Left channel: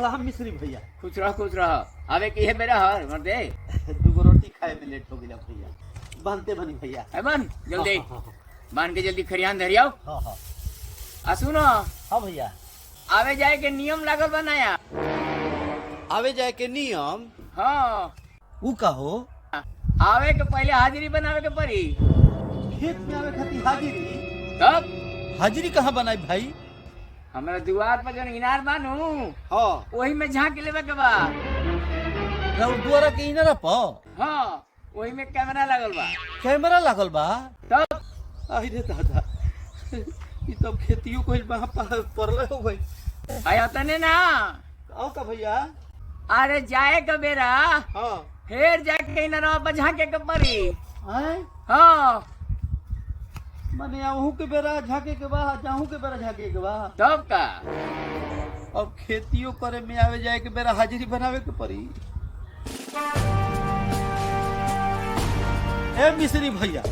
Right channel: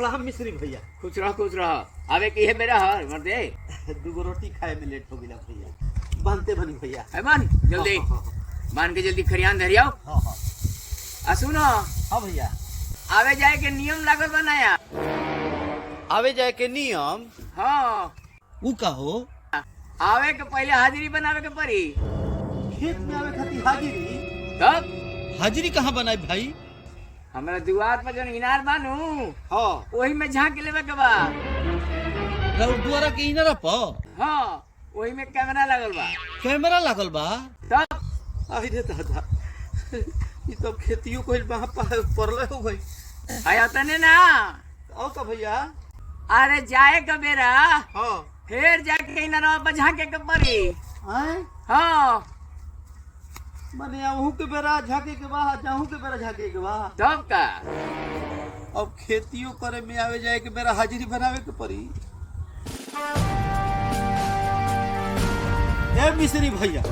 प्रणाम मिश्री भैया। खुश रह अबे की है मेरा हर मर्दे। दूगो रोटी खाए में लेट हो गया भैया। बनते बनी भैया। है बन जल्दी हाँ। मान के जल्दी खरियान धरियाओ। हाँ आ सुनो हाँ भैया। आवे जाए के नियम लागल बनाया। आवे जाए के नियम हाँ ऊ का हो? आवे के पहले हाजिरी बनावे के पड़ी। खेत में आवे खातिर हाजिरी? तब हाजिरी कहाँ बनाई भाई? हमारा दुआर पर जन इनार बानू हाँ वही में झांक लेवे के बा। द्वारा के इनारा पर हाँ वही में कैमरा लागल बा। कैमरा लागल बा? तब अरे दादा ये तो खेतियों को वहाँ पड़ले हो भाई। आया तने ना आओ का भैया। अरे जाए के बेरा हाँ फिर जाके इनारा पर झांके के पड़ी। आए हाँ माने आहू के बेरा झाके के बा जाहू के बेरा झाके के बा। तब का अब खेतियों करे में आवे जाए के बेरा हाजिरी बनावे के पड़ी। ए मिश्री भैया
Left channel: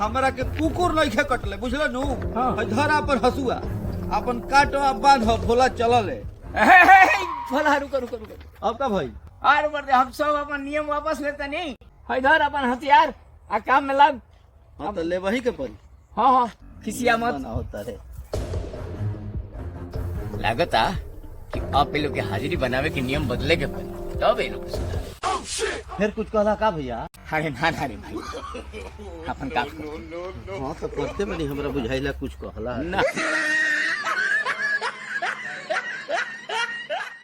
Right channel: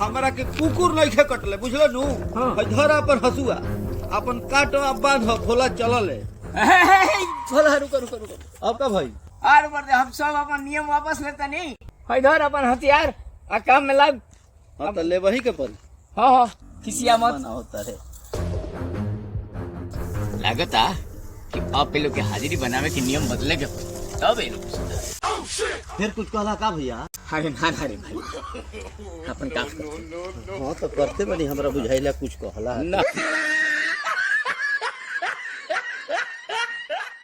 हमरा के कुकुर नहीं कटले बुझले नु। हाँ। धरा पर हसुआ अपन काटो आ बांधो भोला चलले। भोला रुको रुको रुको अब का भाई। और बढ़ते हम सब अपन नियम वापस लेते नहीं। इधर अपन हथियार आ काम में लग। हाँ तो ले वही के पड़ी। हाँ हाँ किसिया मत होता है। लागता कि आप लोग के हाजिरी बनावे के नियम बदले के पड़े तब ये लोग फिर कुछ कहला का भैया? अरे ना ना रे भाई अपन काम हाँ तो करते बनी हमरा बुझाइला कुछ कहला। ना